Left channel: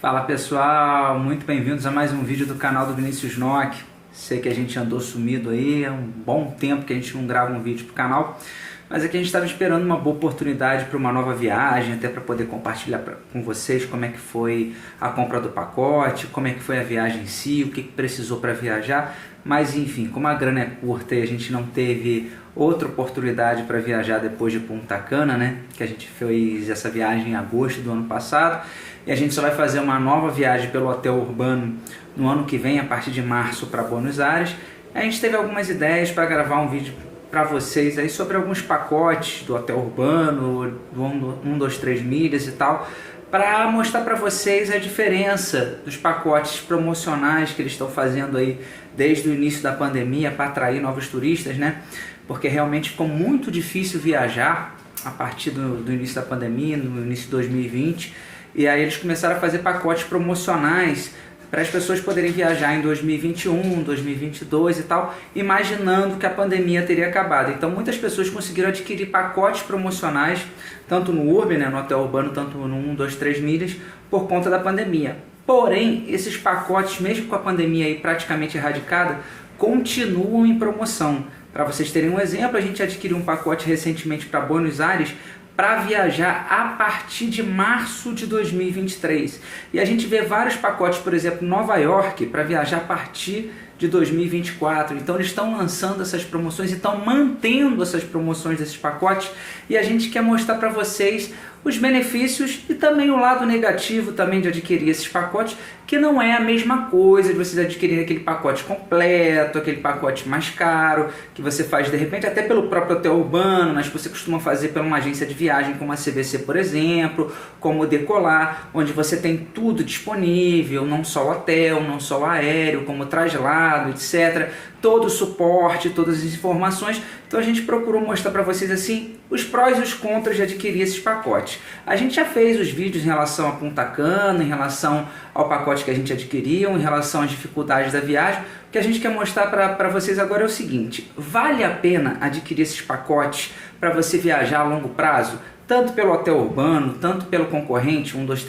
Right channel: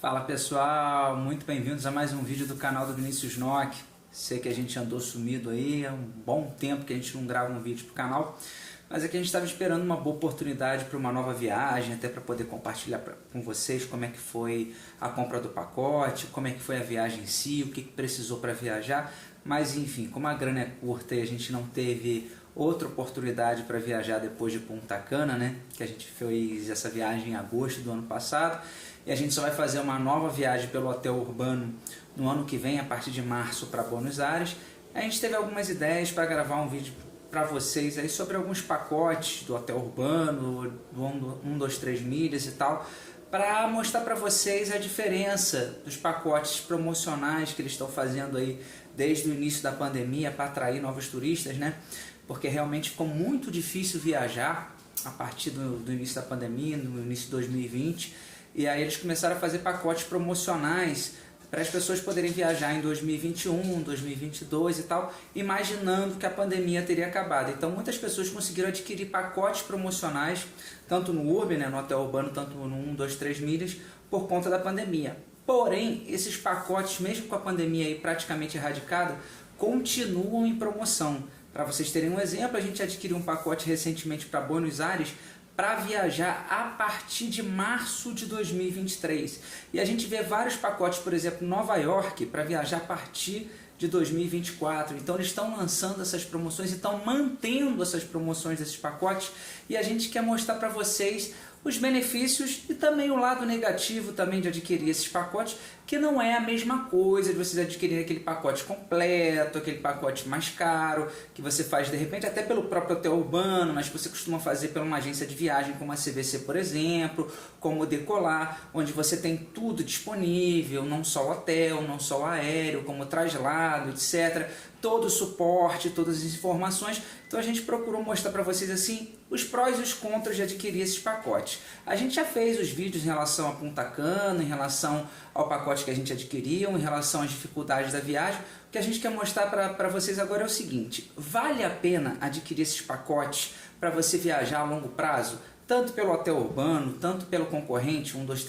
Fala pessoal, muito bem-vindos a mais um vídeo do canal do Vinícius Nock. Sei que a gente andou sumido aí, é um bom tempo que a gente não grava um vídeo pro canal, mas aqui a gente estava esperando uma boa oportunidade para uma nova viagem, até para poder compartilhar com vocês como é que foi a compra do pacote, como é que foi a viagem em si, o que precisou para viajar, mas enfim, como a grana é curta e a gente não teve outra oportunidade para viajar depois de Punta Cana, né? Que a gente fez essa viagem em agosto do ano passado e a gente só vai fazer uma nova viagem pelo hotel urbano no ano que vem, a partir de março, para Buenos Aires. A gente teve algumas ideias para gravar um vídeo para vocês aí sobre alguns pacotes do hotel urbano, do 1, 2, 3 milhas e tal, para mostrar para vocês a diferença dos pacotes promocionais que eles estão fazendo aí desde o início da pandemia para atrair novos turistas, né? Porque realmente ficou muito difícil viajar a partir do início da pandemia, no início de 2020, e aí eles começaram a fazer pacotes promocionais para as pessoas poderem viajar em 2021, 2022 e tal, imaginando que a pandemia teria acabado. Então muitas pessoas conseguiram adquirir pacotes promocionais, tanto no Urban, né, no hotel urbano, tanto no 1, 2, 3 milhas, por conta da pandemia. Porém, esses pacotes, mesmo com a pandemia aí praticamente erradicada, continuam em promoção. Para vocês terem um exemplo, a gente adquiriu um pacote recentemente para Buenos Aires para viajar a partir de março de 2023. E a gente vê vários pacotes, por exemplo, Nova York, para viajar a partir de 2024. Então eles estão lançando essas promoções e estão mantendo essas promoções desses pacotes, e a gente quer mostrar para vocês os benefícios e também o lado negativo também de adquirir esses pacotes, que não é a mesma coisa de vocês adquirirem aquele pacote completo, aquele pacote mais caro, que você faz de repente até pelo próprio hotel urbano, mas que você costuma fazer por uma agência de viagem como a CVC, por exemplo, como o Decolar, onde você tem tudo disponível, não só o hotel, não só o aéreo, como o traslado, etc., todo o suporte, todas as informações. Então a gente procurou mostrar para vocês assim os prós e os contras de adquirir esses pacotes. A gente já fez os vídeos em relação a Punta Cana, em relação ao pacote que a gente adquiriu, em relação às dificuldades da viagem. O que a gente quer mostrar para vocês agora é o seguinte: vale a pena adquirir esses pacotes para você viajar a longo prazo? Tanto pelo hotel urbano, tanto pelo concorrente 1, 2,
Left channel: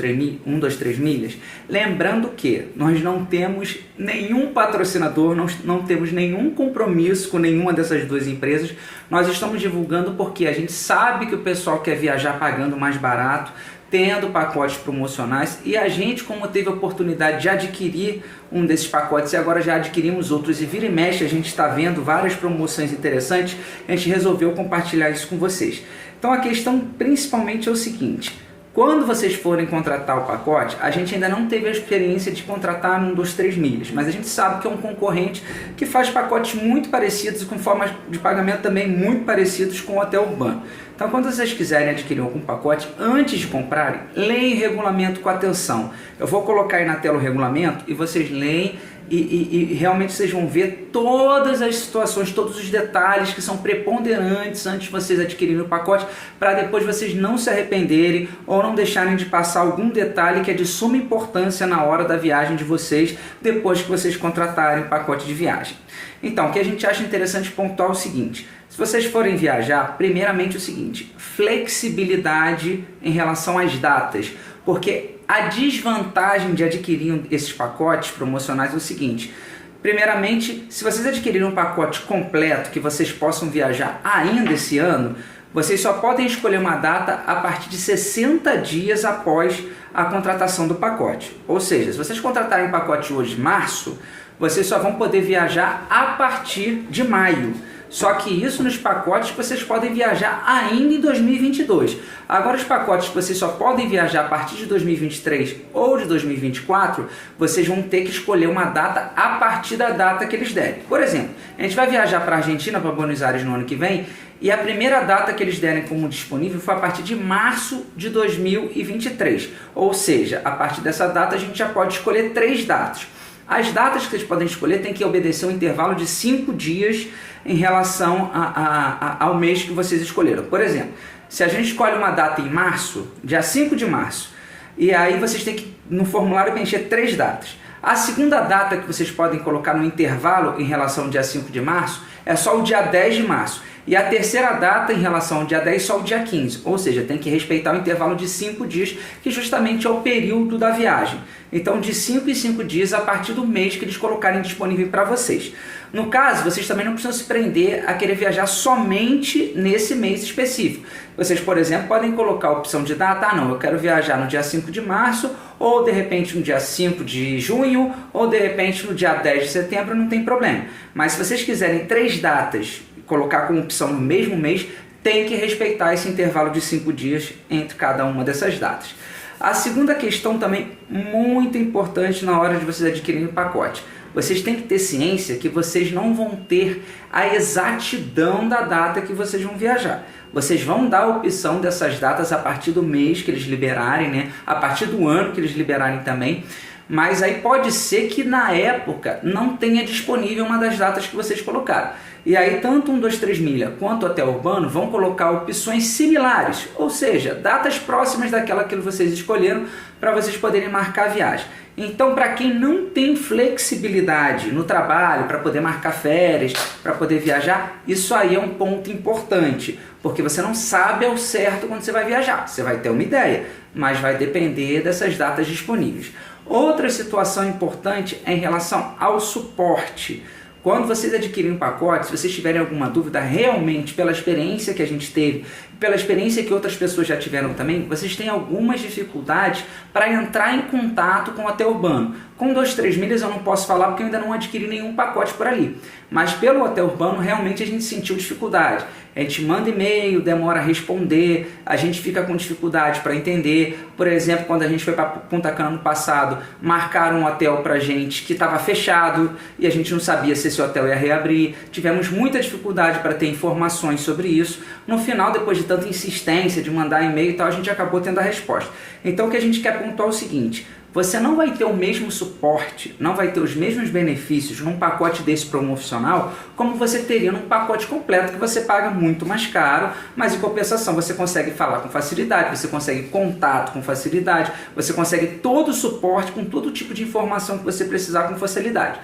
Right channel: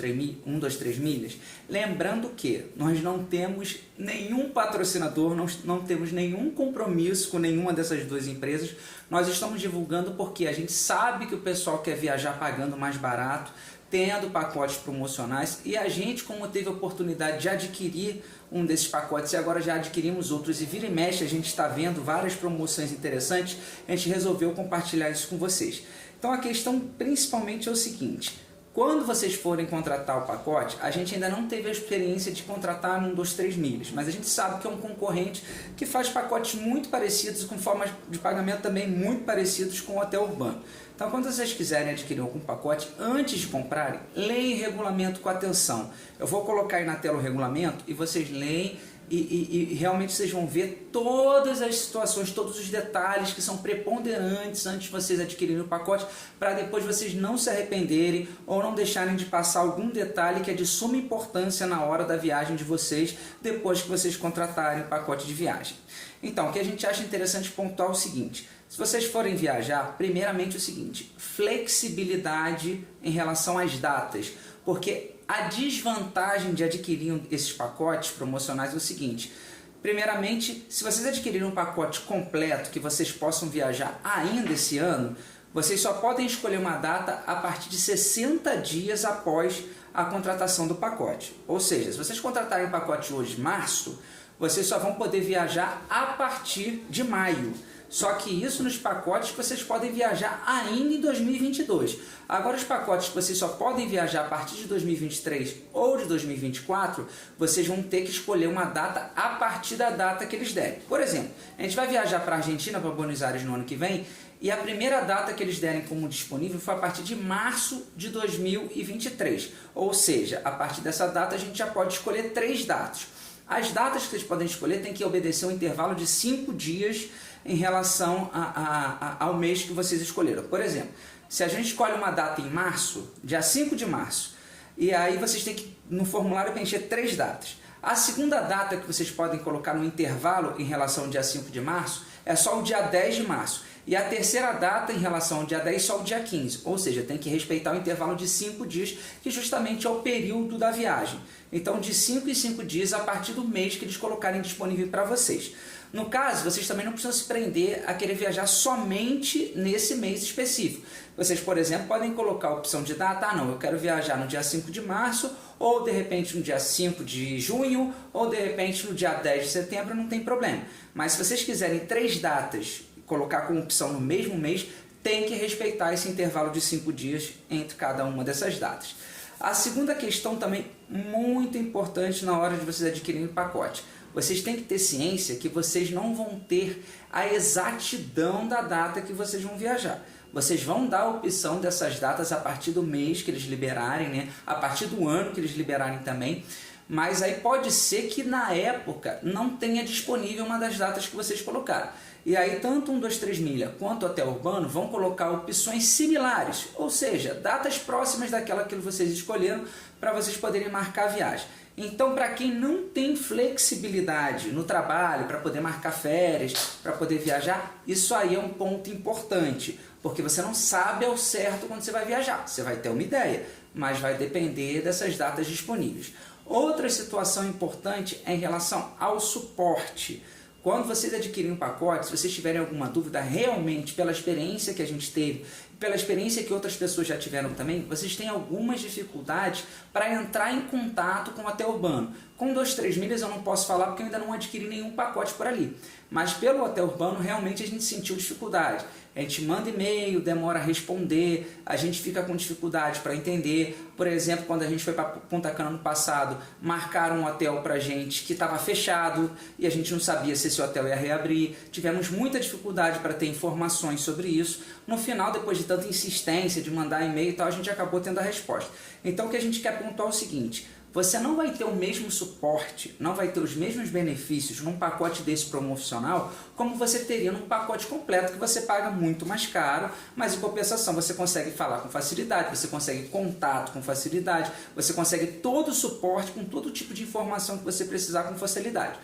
3 milhas. Lembrando que nós não temos nenhum patrocinador, não temos nenhum compromisso com nenhuma dessas duas empresas. Nós estamos divulgando porque a gente sabe que o pessoal quer viajar pagando mais barato, tendo pacotes promocionais, e a gente, como teve a oportunidade de adquirir um desses pacotes e agora já adquirimos outros, e vira e mexe a gente está vendo várias promoções interessantes, a gente resolveu compartilhar isso com vocês. Então a questão principalmente é o seguinte: quando vocês forem contratar o pacote, a gente ainda não teve a experiência de contratar no 1, 2, 3 milhas, mas a gente sabe que é um concorrente que faz pacotes muito parecidos e com formas de pagamento também muito parecidos com o hotel urbano. Então quando vocês quiserem adquirir algum pacote, antes de comprarem, leem o regulamento com atenção. Eu vou colocar aí na tela o regulamento e vocês leem e realmente vocês vão ver todas as situações, todos os detalhes que são preponderantes antes de vocês adquirirem o pacote, para depois vocês não se arrependerem ou não deixarem de passar algum detalhe que é de suma importância na hora da viagem de vocês, depois que vocês contratarem o pacote de viagem. Então, o que a gente acha interessante pontuar é o seguinte: se vocês forem viajar, primeiramente o seguinte, flexibilidade em relação às datas, porque a desvantagem de adquirir esses pacotes promocionais é o seguinte: primeiramente, se vocês adquirirem um pacote completo que vocês possam viajar ainda esse ano, vocês só podem escolher uma data a partir de 60 dias após a contratação do pacote. Ou seja, se vocês contratarem um pacote hoje, março, vocês só vão poder viajar a partir de maio. Só que isso nos pacotes vocês podem viajar ainda em 2022. Agora os pacotes que vocês só podem viajar a partir de 2023 ou de 2024, vocês vão ter que escolher uma data a partir da data que eles derem. Por exemplo, a gente vai viajar para a Argentina, para Buenos Aires no ano que vem, e a primeira data que eles derem como disponível foi a partir de março de 2023. Ou seja, a partir dessa data a gente já pode escolher 3 datas. As datas que vocês podem escolher têm que obedecer um intervalo de 5 dias em relação ao mês que vocês escolheram. Por exemplo, se a gente escolhe uma data em março, dia 5 de março, e aí vocês têm que, no formulário, preencher 3 datas. A segunda data que vocês podem colocar no intervalo em relação ao dia 5 de março é só o dia 10 de março. E a terceira data em relação ao dia 10 só o dia 15, ou seja, tem que respeitar o intervalo de 5 dias, que justamente é o período da viagem. Então, de 5 em 5 dias a partir do mês que eles colocarem disponível para vocês. No caso, vocês também não precisam se prender a querer viajar somente nesse mês específico. Vocês, por exemplo, podem colocar a opção de data, não, eu quero viajar no dia 5 de março, ou de repente no dia 5 de junho, ou de repente no dia 10 de setembro, não tem problema. Mas se vocês quiserem 3 datas, colocar como opção no mesmo mês, tem que respeitar esse intervalo de 5 dias entre cada uma dessas datas. A segunda questão também muito importante na hora de vocês adquirirem o pacote. Vocês têm que ter ciência que vocês não vão ter a exatidão da data que vocês vão viajar. Vocês vão dar a opção dessas datas a partir do mês que eles liberarem, né? A partir do ano que eles liberarem também. Mas aí pode ser que na época não tenha disponível uma das datas que vocês colocaram. E aí tanto 123 Milha quanto o Hotel Urbano vão colocar opções similares, ou seja, datas próximas daquela que vocês escolheram para vocês poderem marcar a viagem. Então, para quem não tem flexibilidade no trabalho, para poder marcar férias, para poder viajar, isso aí é um ponto importante, porque você não sabe ao certo quando você vai viajar. Você vai ter uma ideia, mas vai depender dessas datas disponíveis. Outra situação importante é em relação ao suporte. Quando vocês adquirem um pacote, se vocês tiverem alguma dúvida, realmente, pela experiência que a gente teve, pela experiência que outras pessoas já tiveram também, vocês têm algumas dificuldades para entrar em contato com o Hotel Urbano. Com 123 Milhas eu não posso falar porque eu ainda não adquiri nenhum pacote por ali. Mas pelo Hotel Urbano, realmente a gente sentiu dificuldade. A gente manda e-mail, demora a responder, a gente fica com dificuldade para entender. Por exemplo, quando a gente foi para Punta Cana no passado, marcaram um hotel para a gente que estava fechado e a gente não sabia se esse hotel ia reabrir. Tivemos muita dificuldade para ter informações sobre isso. No final, depois de tanta insistência de mandar e-mail e tal, a gente acabou tendo a resposta. Então o que a gente quer pontuar é o seguinte: você não vai ter o mesmo suporte, não vai ter os mesmos benefícios num pacote desse promocional como você teria num pacote completo que você paga muito mais caro, mas em compensação você consegue falar com facilidade, você consegue contato com facilidade, você consegue todo o suporte com todo tipo de informação que você precisar com facilidade.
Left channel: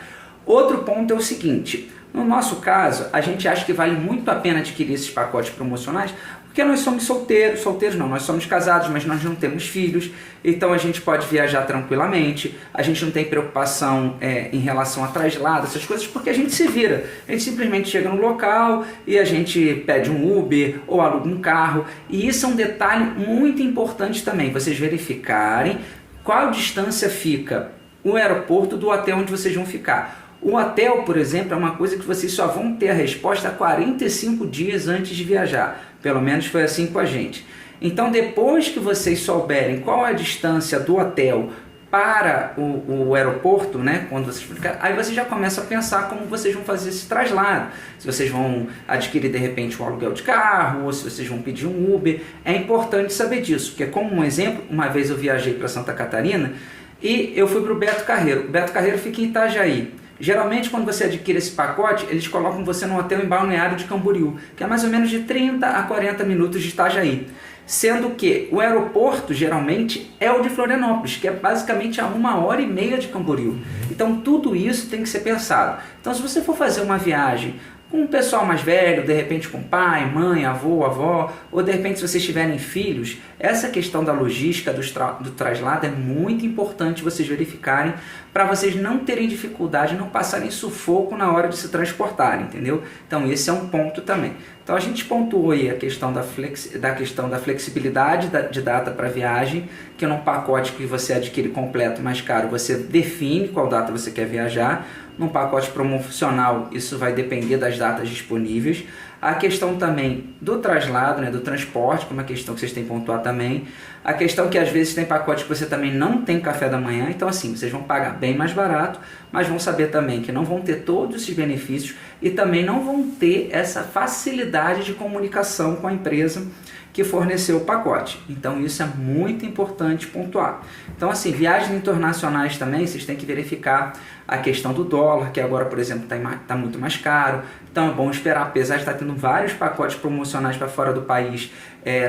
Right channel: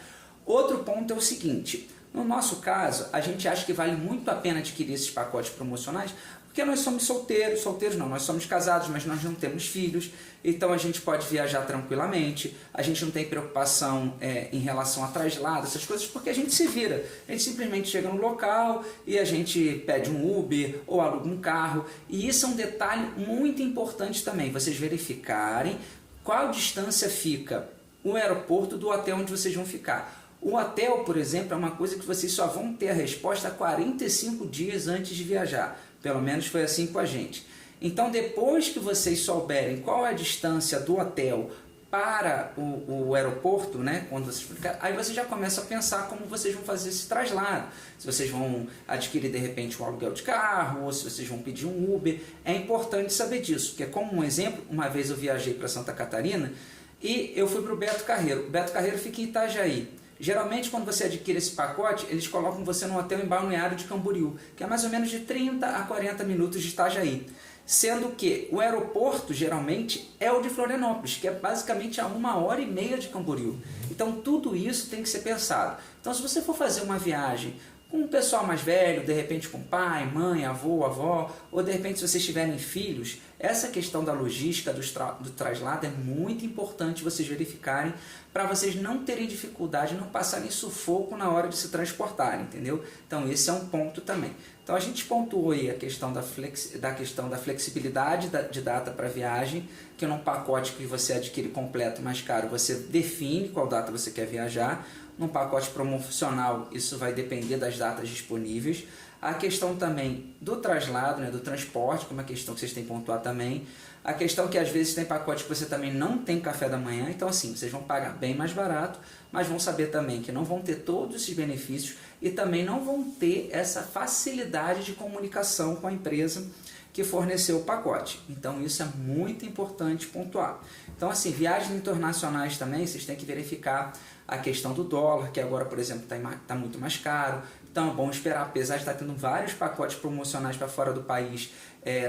Outro ponto é o seguinte: no nosso caso, a gente acha que vale muito a pena adquirir esses pacotes promocionais porque nós somos solteiros não, nós somos casados, mas nós não temos filhos, então a gente pode viajar tranquilamente, a gente não tem preocupação em relação a traslado, essas coisas, porque a gente se vira, a gente simplesmente chega no local e a gente pede um Uber ou aluga um carro, e isso é um detalhe muito importante também, vocês verificarem qual distância fica o aeroporto do hotel onde vocês vão ficar. O hotel, por exemplo, é uma coisa que vocês só vão ter a resposta 45 dias antes de viajar. Pelo menos foi assim com a gente. Então, depois que vocês souberem qual é a distância do hotel para o aeroporto, né, quando vocês, aí vocês já começam a pensar como vocês vão fazer esse traslado. Se vocês vão adquirir, de repente, um aluguel de carro, ou se vocês vão pedir um Uber. É importante saber disso, porque, como um exemplo, uma vez eu viajei para Santa Catarina e eu fui para o Beto Carreiro. O Beto Carreiro fica em Itajaí. Geralmente, quando você adquire esse pacote, eles colocam você num hotel em Balneário de Camboriú, que é mais ou menos de 30 a 40 minutos de Itajaí. Sendo que o aeroporto, geralmente, é o de Florianópolis, que é basicamente a 1h30 de Camboriú. Então, tudo isso tem que ser pensado. Então, se você for fazer uma viagem com um pessoal mais velho, de repente com pai, mãe, avô, avó, ou de repente se vocês tiverem filhos, essa questão da logística, do traslado é muito importante vocês verificarem para vocês não terem dificuldade, não passarem sufoco na hora de se transportarem, entendeu? Então esse é um ponto também. Então a gente pontuou aí a questão da flexibilidade de data para viagem, que num pacote que você adquire completo mais caro, você define qual data você quer viajar. Num pacote promocional, isso vai depender das datas disponíveis. A questão também do traslado, né, do transporte, que é uma questão que vocês têm que pontuar também. A questão que às vezes tem pacote que você também não tem café da manhã, então assim, vocês vão pagar bem mais barato, mas vão saber também que não vão ter todos esses benefícios e também não vão ter essa facilidade de comunicação com a empresa que forneceu o pacote. Então isso é muito importante pontuar. Então assim, viagens internacionais também, vocês têm que verificar a questão do dólar, que agora, por exemplo, está muito mais caro. Então é bom esperar, apesar de estar tendo vários pacotes promocionais para fora do país,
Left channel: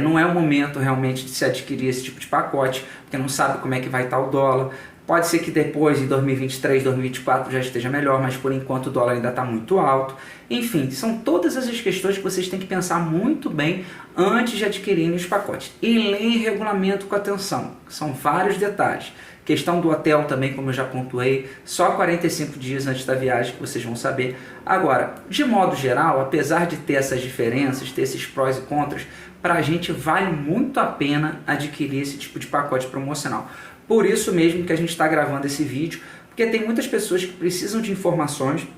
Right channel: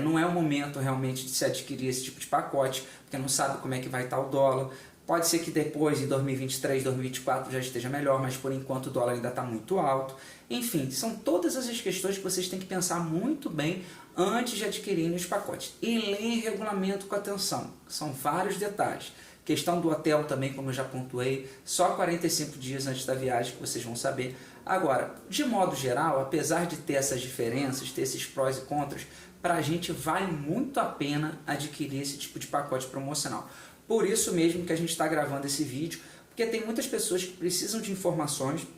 não é o momento realmente de se adquirir esse tipo de pacote, porque não sabe como é que vai estar o dólar. Pode ser que depois, em 2023, 2024, já esteja melhor, mas por enquanto o dólar ainda está muito alto. Enfim, são todas essas questões que vocês têm que pensar muito bem antes de adquirirem os pacotes. E leem regulamento com atenção, são vários detalhes. Questão do hotel também, como eu já pontuei, só 45 dias antes da viagem que vocês vão saber. Agora, de modo geral, apesar de ter essas diferenças, ter esses prós e contras, para a gente vale muito a pena adquirir esse tipo de pacote promocional. Por isso mesmo que a gente está gravando esse vídeo, porque tem muitas pessoas que precisam de informações,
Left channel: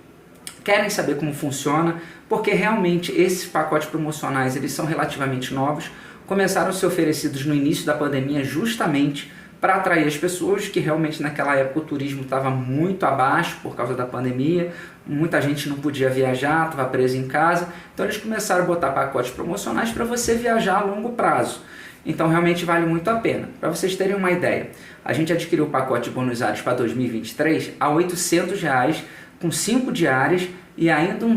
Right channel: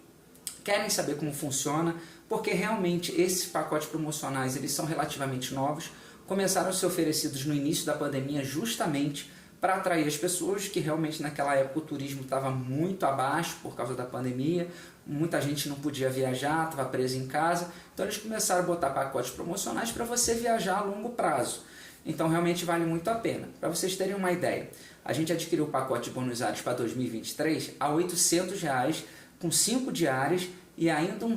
querem saber como funciona, porque realmente esses pacotes promocionais eles são relativamente novos, começaram a ser oferecidos no início da pandemia justamente para atrair as pessoas, que realmente naquela época o turismo estava muito abaixo por causa da pandemia, muita gente não podia viajar, estava preso em casa, então eles começaram a botar pacotes promocionais para você viajar a longo prazo. Então realmente vale muito a pena. Para vocês terem uma ideia, a gente adquiriu o pacote de Buenos Aires para 2023 a R$ 800, com 5 diárias e ainda um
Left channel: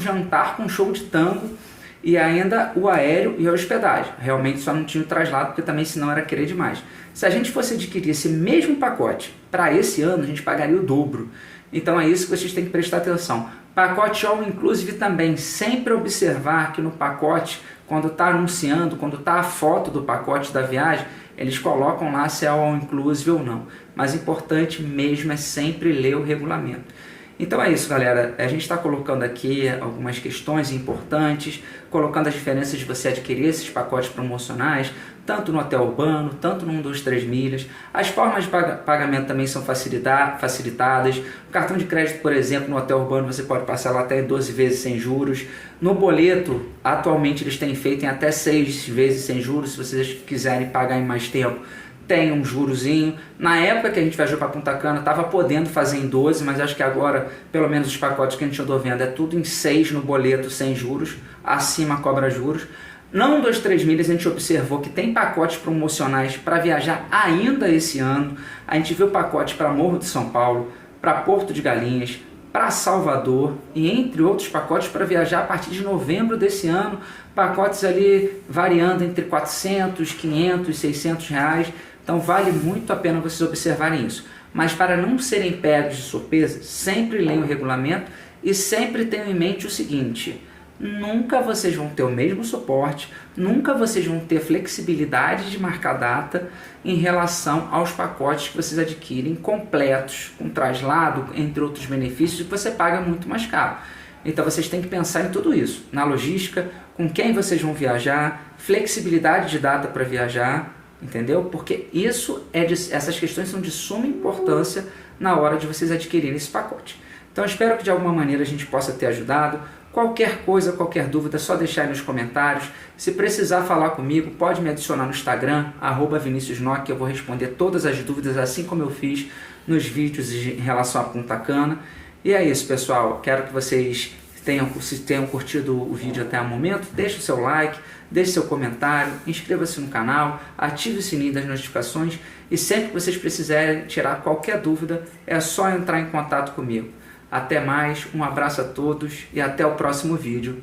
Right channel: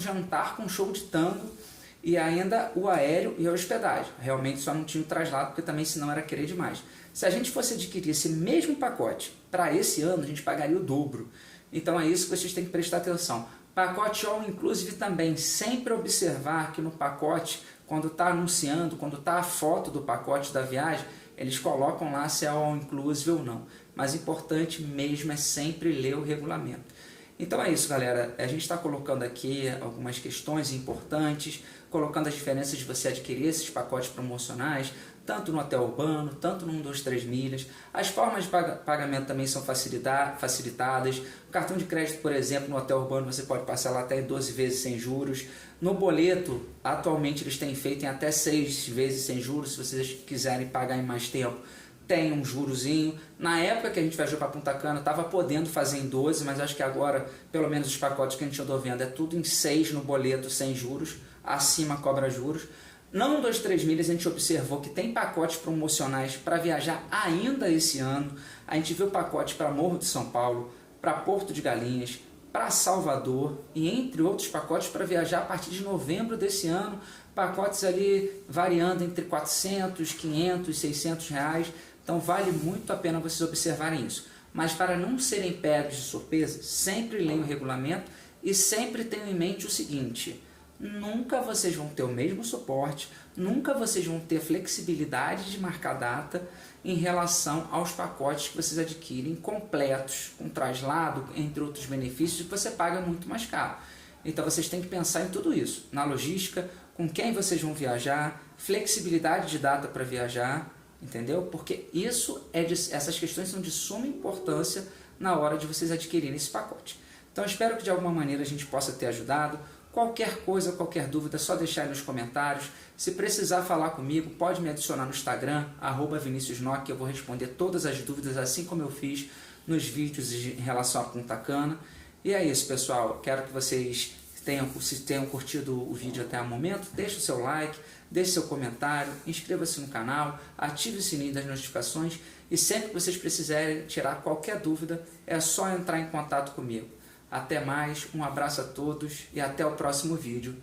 jantar com show de tango e ainda o aéreo e a hospedagem. Realmente só não tinha o traslado, porque também senão era querer demais. Se a gente fosse adquirir esse mesmo pacote para esse ano, a gente pagaria o dobro. Então é isso que vocês têm que prestar atenção. Pacote All Inclusive também, sempre observar que no pacote, quando está anunciando, quando está a foto do pacote da viagem, eles colocam lá se é All Inclusive ou não. Mas importante mesmo é sempre ler o regulamento. Então é isso, galera. A gente está colocando aqui algumas questões importantes, colocando as diferenças de você adquirir esses pacotes promocionais, tanto no hotel urbano, tanto no 1, 2, 3 milhas. As formas de pagamento também são facilitadas. O cartão de crédito, por exemplo, no hotel urbano você pode passar lá até 12 vezes sem juros. No boleto, atualmente eles têm feito em até 6 vezes sem juros, se vocês quiserem pagar em mais tempo. Tem um jurozinho. Na época que a gente viajou para Punta Cana, estava podendo fazer em 12, mas acho que agora, pelo menos os pacotes que a gente andou vendo, é tudo em 6 no boleto, sem juros, acima cobra juros. Não 2, 3 milhas, a gente observou que tem pacotes promocionais para viajar ainda esse ano. A gente viu pacotes para Morro de São Paulo, para Porto de Galinhas, para Salvador e entre outros pacotes para viajar a partir de novembro desse ano. Pacotes ali variando entre 400, 500, 600 reais. Então vale muito a pena vocês observarem isso. Mas para não serem pegos de surpresa, sempre leiam o regulamento e sempre tenham em mente o seguinte: nunca vocês vão ter o mesmo suporte, nunca vocês vão ter flexibilidade de marcar data em relação aos pacotes que vocês adquirem completos, com traslado, entre outros benefícios, que você paga muito mais caro. Então vocês têm que pensar em tudo isso, na logística, com quem vocês vão viajar, flexibilidade de data para viajar, entendeu? Porque essas questões são de suma importância na hora de vocês adquirirem esse pacote. Então espero que de alguma maneira a gente possa ter ajudado. Qualquer coisa, qualquer dúvida, é só deixar aí nos comentários. Se precisar falar comigo, pode me adicionar no Instagram, @ViniciusNock, que eu vou responder todas as dúvidas, assim como eu fiz nos vídeos em relação a Punta Cana. E é isso, pessoal. Quero que vocês tenham curtido o vídeo até o momento. Deixe o seu like, deixe seu comentário, inscreva-se no canal, ative o sininho das notificações e sempre que vocês precisarem tirar qualquer dúvida, é só entrar em contato comigo. Até mais, um abraço a todos e até o próximo vídeo.